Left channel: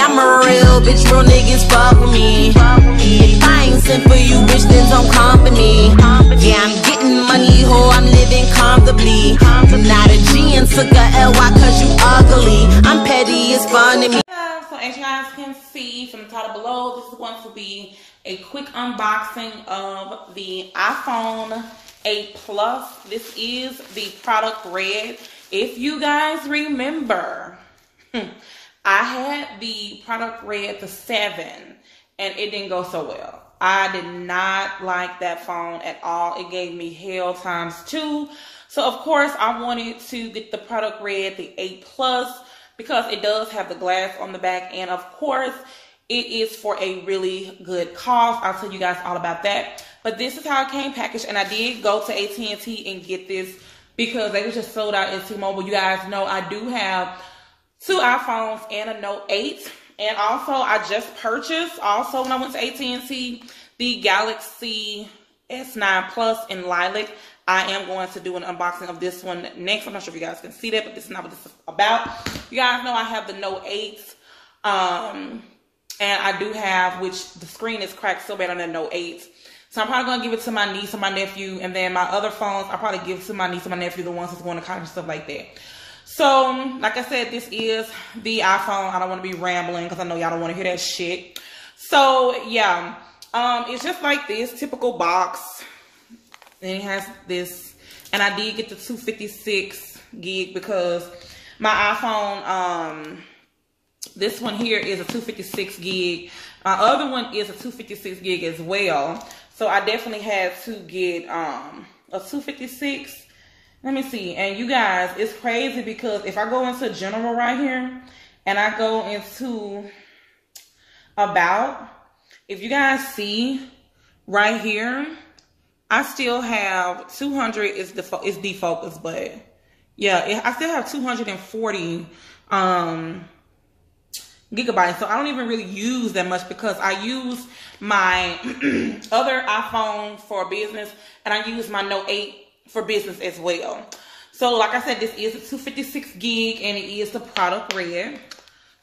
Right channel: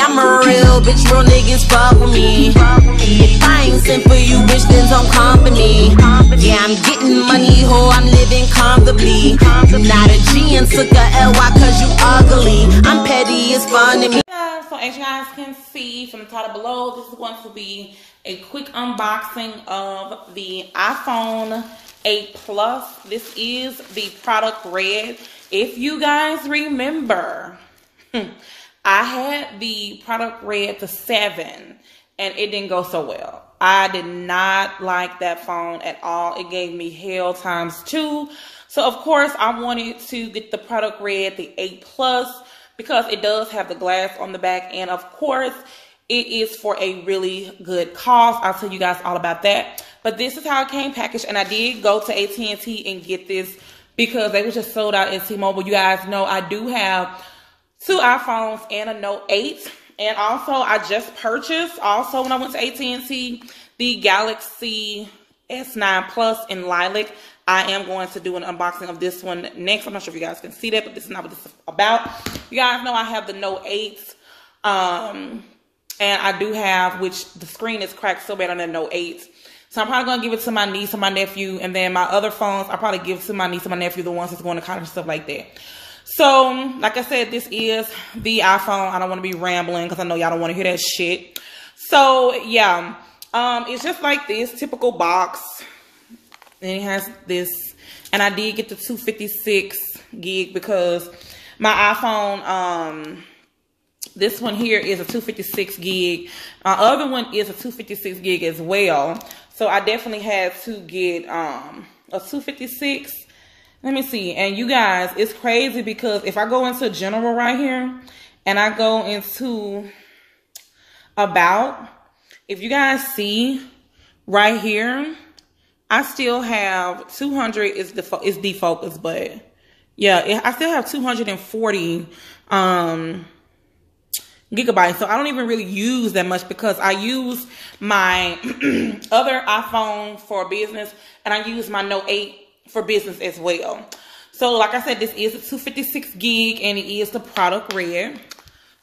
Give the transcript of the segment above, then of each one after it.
I'm a real bitch, real niggas fuck with me. If I ain't sent for you, bitch, then don't come for me. Yeah, I'm getting money, ho, I'm living comfortably. You not a G and took a LY cause you ugly. I'm petty, it's fun to me. So as you guys can see from the title below, this is going to be a quick unboxing of the iPhone 8 Plus. This is the product red. If you guys remember, I had the product red, the 7, and it didn't go so well. I did not like that phone at all. It gave me hell times 2. So of course I wanted to get the product red, the 8 Plus, because it does have the glass on the back, and of course it is for a really good cause. I'll tell you guys all about that. But this is how it came packaged, and I did go to AT&T and get this because they were just sold out at T-Mobile. You guys know I do have 2 iPhones and a Note 8. And also I just purchased, also when I went to AT&T, the Galaxy S9 Plus in Lilac. I am going to do an unboxing of this one next. I'm not sure if you guys can see that, but this is not what this is about. You guys know I have the Note 8. And I do have, which the screen is cracked so bad on the Note 8. So I'm probably going to give it to my niece and my nephew. And then my other phones, I'll probably give to my niece and my nephew, the ones that's going to college and stuff like that. So, like I said, this is the iPhone. I don't want to be rambling because I know y'all don't want to hear that shit. So, yeah. It's just like this typical box. And it has this. And I did get the 256 gig because my iPhone, this one here is a 256 gig. My other one is a 256 gig as well. So, I definitely had to get a 256. Let me see. And you guys, it's crazy because if I go into general right here and I go into about, if you guys see right here, I still have 200 is defocus, but yeah, I still have 240 gigabytes. So I don't even really use that much because I use my other iPhone for business and I use my Note 8 for business as well. So like I said, this is a 256 gig and it is the product red.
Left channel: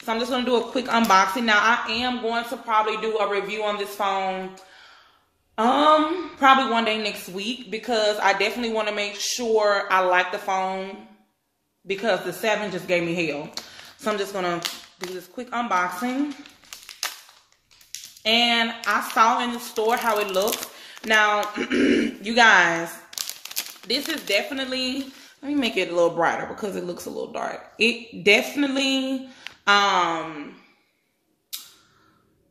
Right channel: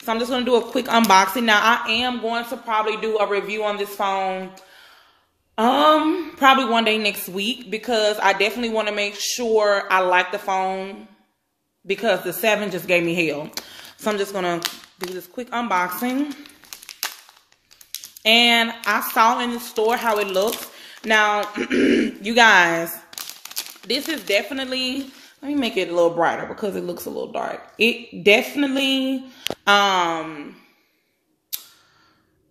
So I'm just going to do a quick unboxing. Now I am going to probably do a review on this phone probably one day next week because I definitely want to make sure I like the phone because the 7 just gave me hell. So I'm just going to do this quick unboxing. And I saw in the store how it looks. Now, you guys, this is definitely, let me make it a little brighter because it looks a little dark. It definitely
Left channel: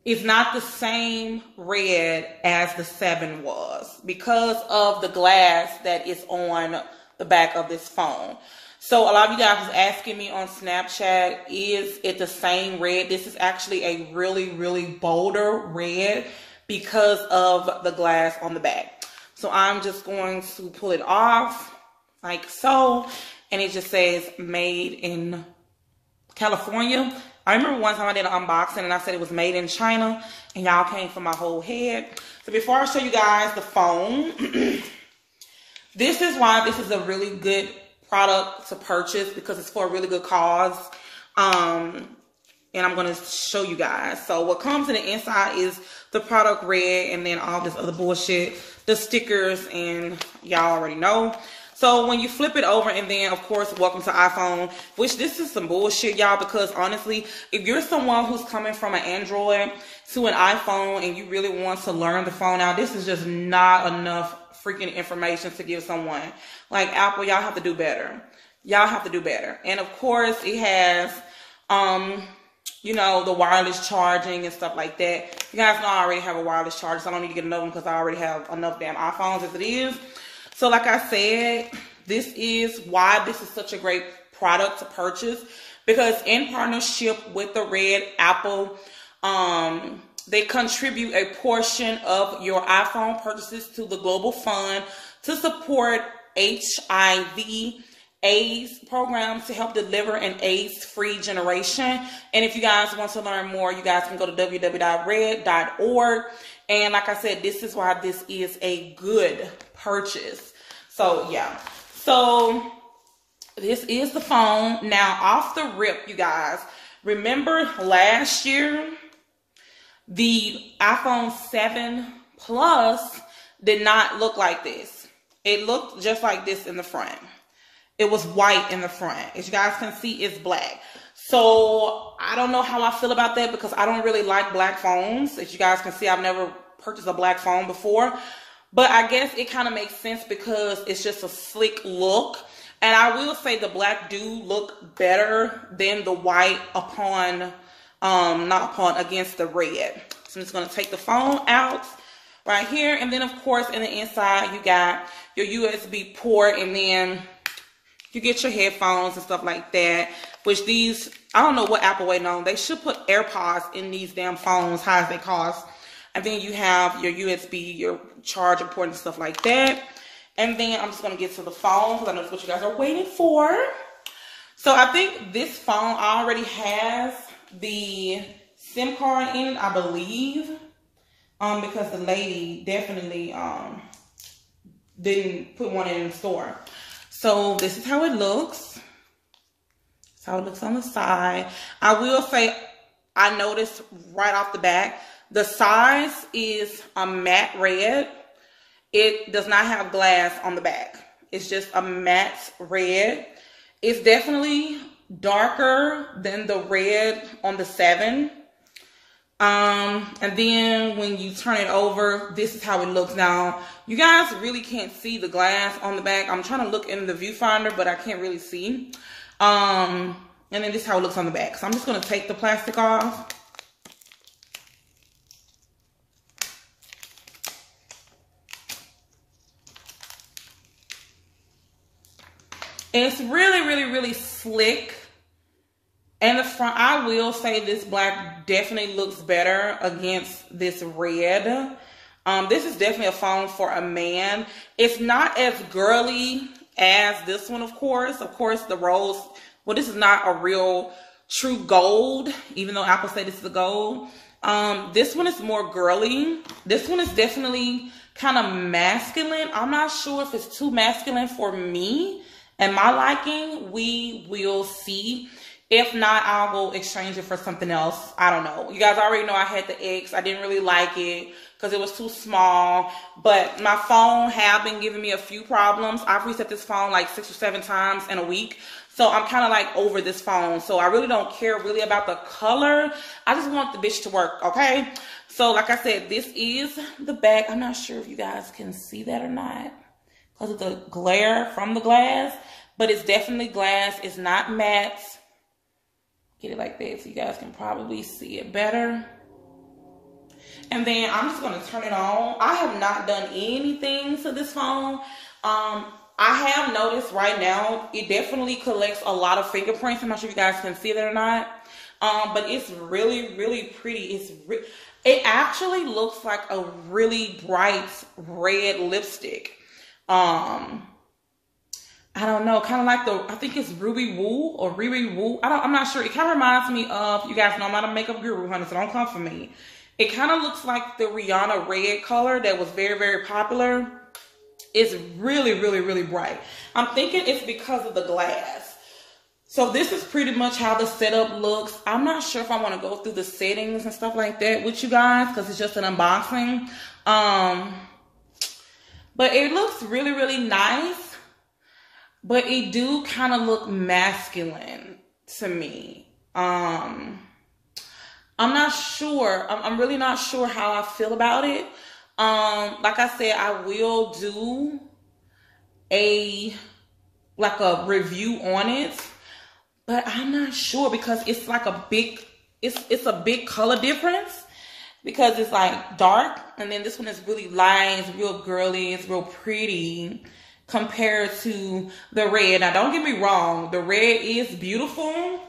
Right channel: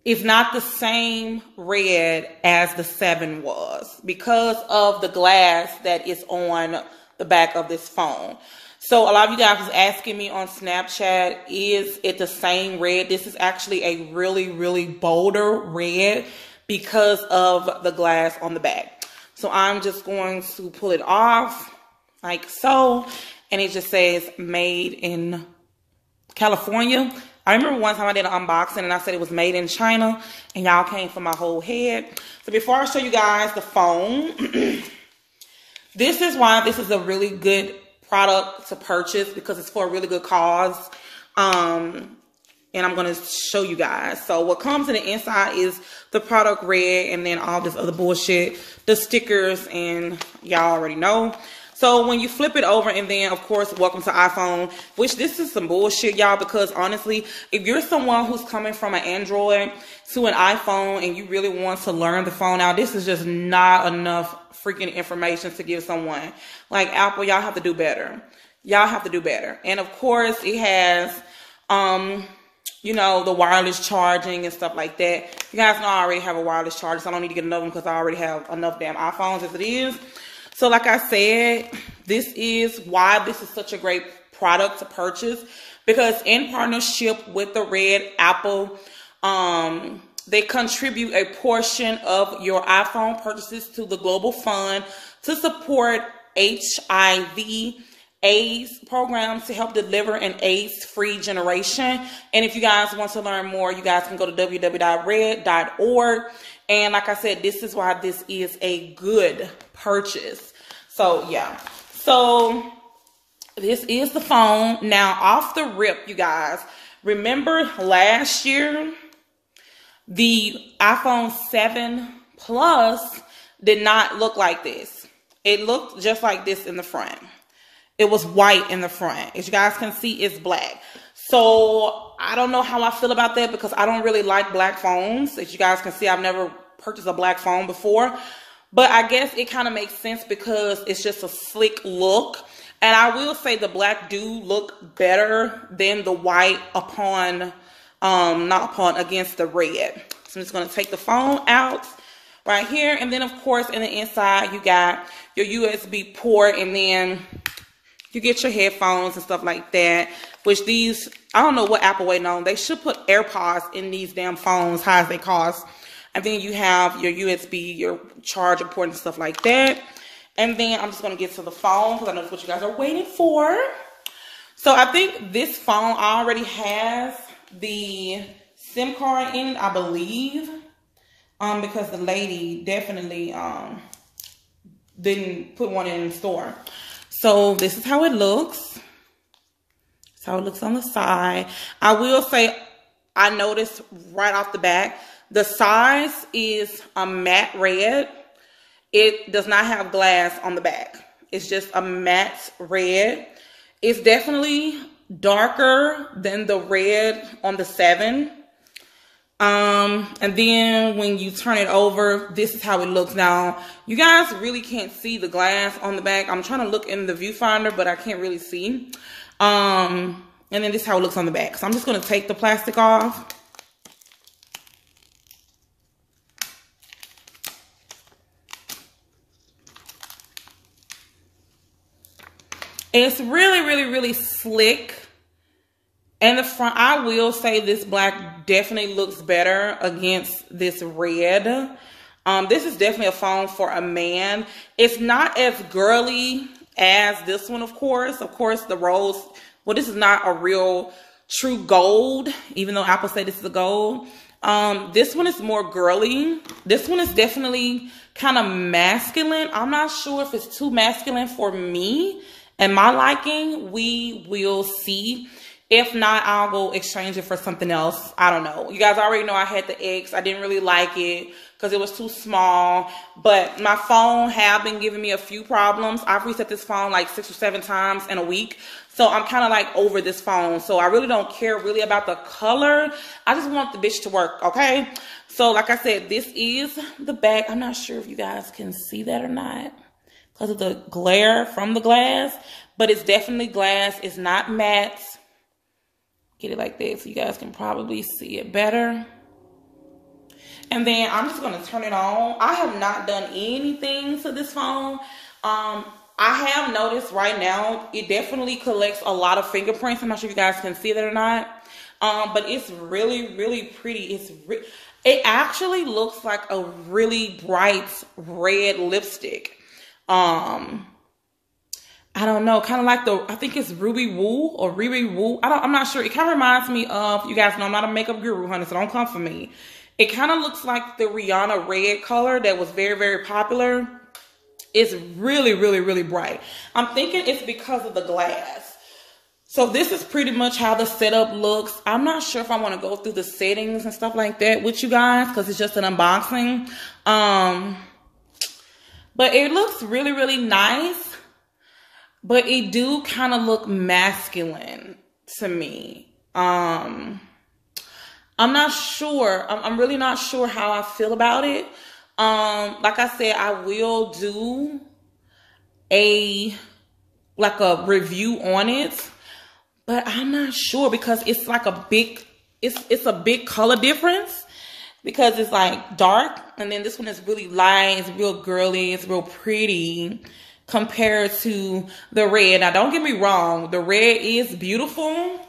is not the same red as the 7 was because of the glass that is on the back of this phone. So a lot of you guys was asking me on Snapchat, is it the same red? This is actually a really, really bolder red because of the glass on the back. So I'm just going to pull it off like so. And it just says made in California. I remember one time I did an unboxing and I said it was made in China. And y'all came for my whole head. So before I show you guys the phone, this is why this is a really good product to purchase because it's for a really good cause. And I'm going to show you guys. So what comes in the inside is the product red and then all this other bullshit, the stickers, and y'all already know. So when you flip it over and then, of course, welcome to iPhone, which this is some bullshit, y'all, because honestly, if you're someone who's coming from an Android to an iPhone and you really want to learn the phone out, this is just not enough freaking information to give someone. Like Apple, y'all have to do better. Y'all have to do better. And of course, it has, you know, the wireless charging and stuff like that. You guys know I already have a wireless charger, so I don't need to get another one because I already have enough damn iPhones as it is. So like I said, this is why this is such a great product to purchase because in partnership with the Red Apple, they contribute a portion of your iPhone purchases to the Global Fund to support HIV AIDS programs to help deliver an AIDS-free generation. And if you guys want to learn more, you guys can go to www.red.org. And like I said, this is why this is a good purchase. So yeah. So this is the phone. Now off the rip, you guys, Remember last year, the iPhone 7 Plus did not look like this. It looked just like this in the front. It was white in the front. As you guys can see, it's black. So I don't know how I feel about that because I don't really like black phones. As you guys can see, I've never purchased a black phone before. But I guess it kind of makes sense because it's just a slick look. And I will say the black do look better than the white against the red. So I'm just going to take the phone out right here. And then, of course, in the inside, you got your USB port. And then you get your headphones and stuff like that. Which these, I don't know what Apple waiting on. They should put AirPods in these damn phones, high as they cost. And then you have your USB, your charger port and stuff like that. And then I'm just going to get to the phone because I know that's what you guys are waiting for. So I think this phone already has the SIM card in it, I believe. Because the lady definitely didn't put one in the store. So this is how it looks. That's how it looks on the side. I will say, I noticed right off the back, the size is a matte red. It does not have glass on the back. It's just a matte red. It's definitely darker than the red on the 7. And then when you turn it over, this is how it looks now. You guys really can't see the glass on the back. I'm trying to look in the viewfinder, but I can't really see. And then this is how it looks on the back. So I'm just going to take the plastic off. It's really, really, really slick. And the front, I will say this black definitely looks better against this red. This is definitely a phone for a man. It's not as girly as this one, of course. Of course, the rose, well, this is not a real true gold, even though Apple say this is a gold. This one is more girly. This one is definitely kind of masculine. I'm not sure if it's too masculine for me and my liking. We will see. If not, I'll go exchange it for something else. I don't know. You guys already know I had the X. I didn't really like it because it was too small. But my phone have been giving me a few problems. I've reset this phone like 6 or 7 times in a week. So I'm kind of like over this phone. So I really don't care really about the color. I just want the bitch to work, okay? So like I said, this is the back. I'm not sure if you guys can see that or not because of the glare from the glass. But it's definitely glass. It's not matte. Get it like that so you guys can probably see it better. And then I'm just going to turn it on. I have not done anything to this phone. I have noticed right now, it definitely collects a lot of fingerprints. I'm not sure if you guys can see that or not. But it's really, really pretty. It actually looks like a really bright red lipstick. I don't know, kind of like I think it's Ruby Woo or Riri Woo. I'm not sure. It kind of reminds me of, you guys know I'm not a makeup guru, honey, so don't come for me. It kind of looks like the Rihanna red color that was very, very popular. It's really, really, really bright. I'm thinking it's because of the glass. So this is pretty much how the setup looks. I'm not sure if I want to go through the settings and stuff like that with you guys because it's just an unboxing. But it looks really, really nice. But it do kind of look masculine to me. I'm not sure. I'm really not sure how I feel about it. Like I said, I will do a review on it. But I'm not sure because it's like a big, it's a big color difference. Because it's like dark. And then this one is really light. It's real girly. It's real pretty. Compared to the red. Now, don't get me wrong. The red is beautiful.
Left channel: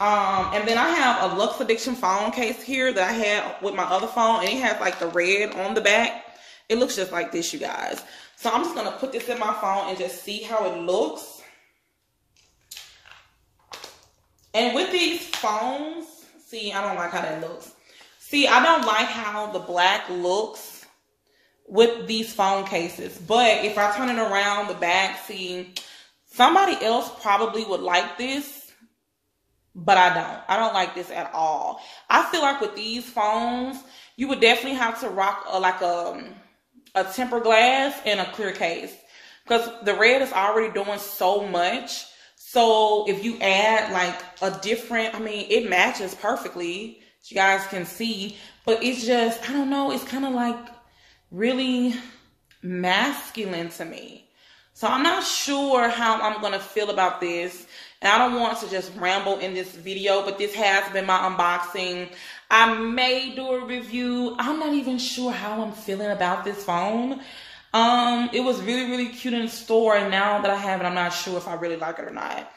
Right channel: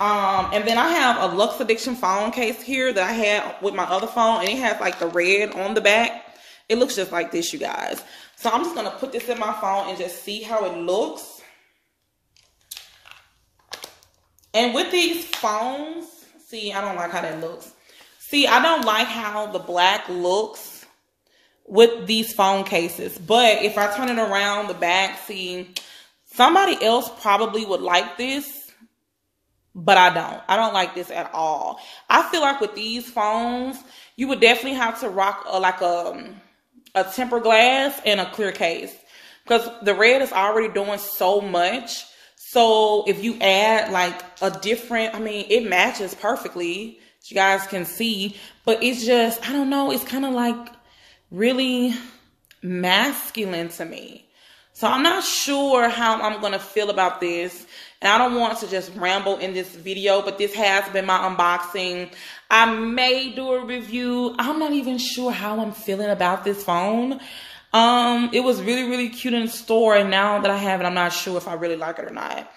And then I have a Lux Addiction phone case here that I had with my other phone. And it has like the red on the back. It looks just like this, you guys. So I'm just going to put this in my phone and just see how it looks. And with these phones, see, I don't like how that looks. See, I don't like how the black looks with these phone cases. But if I turn it around the back, see, somebody else probably would like this. but I don't like this at all. I feel like with these phones, you would definitely have to rock a tempered glass and a clear case, because the red is already doing so much. So if you add like a different, I mean, it matches perfectly, as you guys can see, but it's just, I don't know, it's kind of like really masculine to me. So I'm not sure how I'm going to feel about this. And I don't want to just ramble in this video, but this has been my unboxing. I may do a review. I'm not even sure how I'm feeling about this phone. It was really, really cute in the store, and now that I have it, I'm not sure if I really like it or not.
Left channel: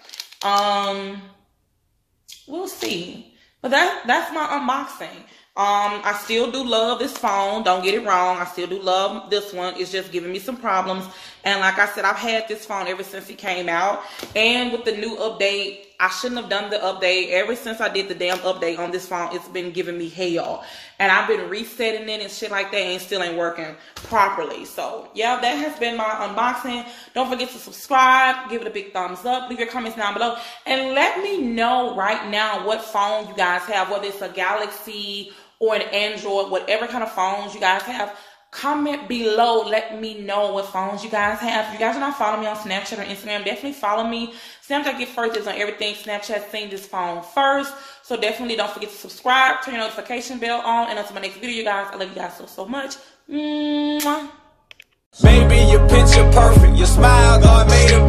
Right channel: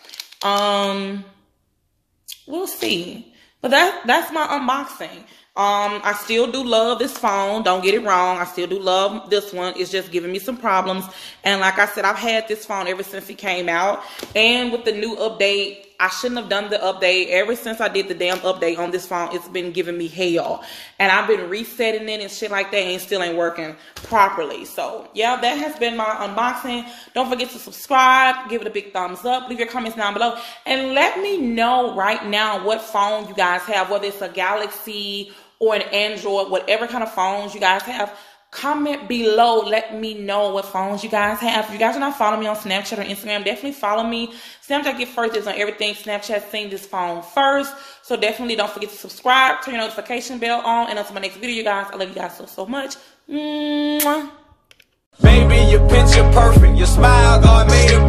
We'll see. But that's my unboxing. I still do love this phone. Don't get it wrong. I still do love this one. It's just giving me some problems. And like I said, I've had this phone ever since it came out. And with the new update, I shouldn't have done the update. Ever since I did the damn update on this phone, it's been giving me hell. And I've been resetting it and shit like that, and it still ain't working properly. So, yeah, that has been my unboxing. Don't forget to subscribe. Give it a big thumbs up. Leave your comments down below. And let me know right now what phone you guys have, whether it's a Galaxy or an Android, whatever kind of phones you guys have. Comment below. Let me know what phones you guys have. If you guys are not following me on Snapchat or Instagram, definitely follow me. Snapchat Get First is on everything. Snapchat seen this phone first. So definitely don't forget to subscribe, turn your notification bell on. And until my next video, you guys, I love you guys so much. Mwah. Baby, your picture perfect. Your smile, God made it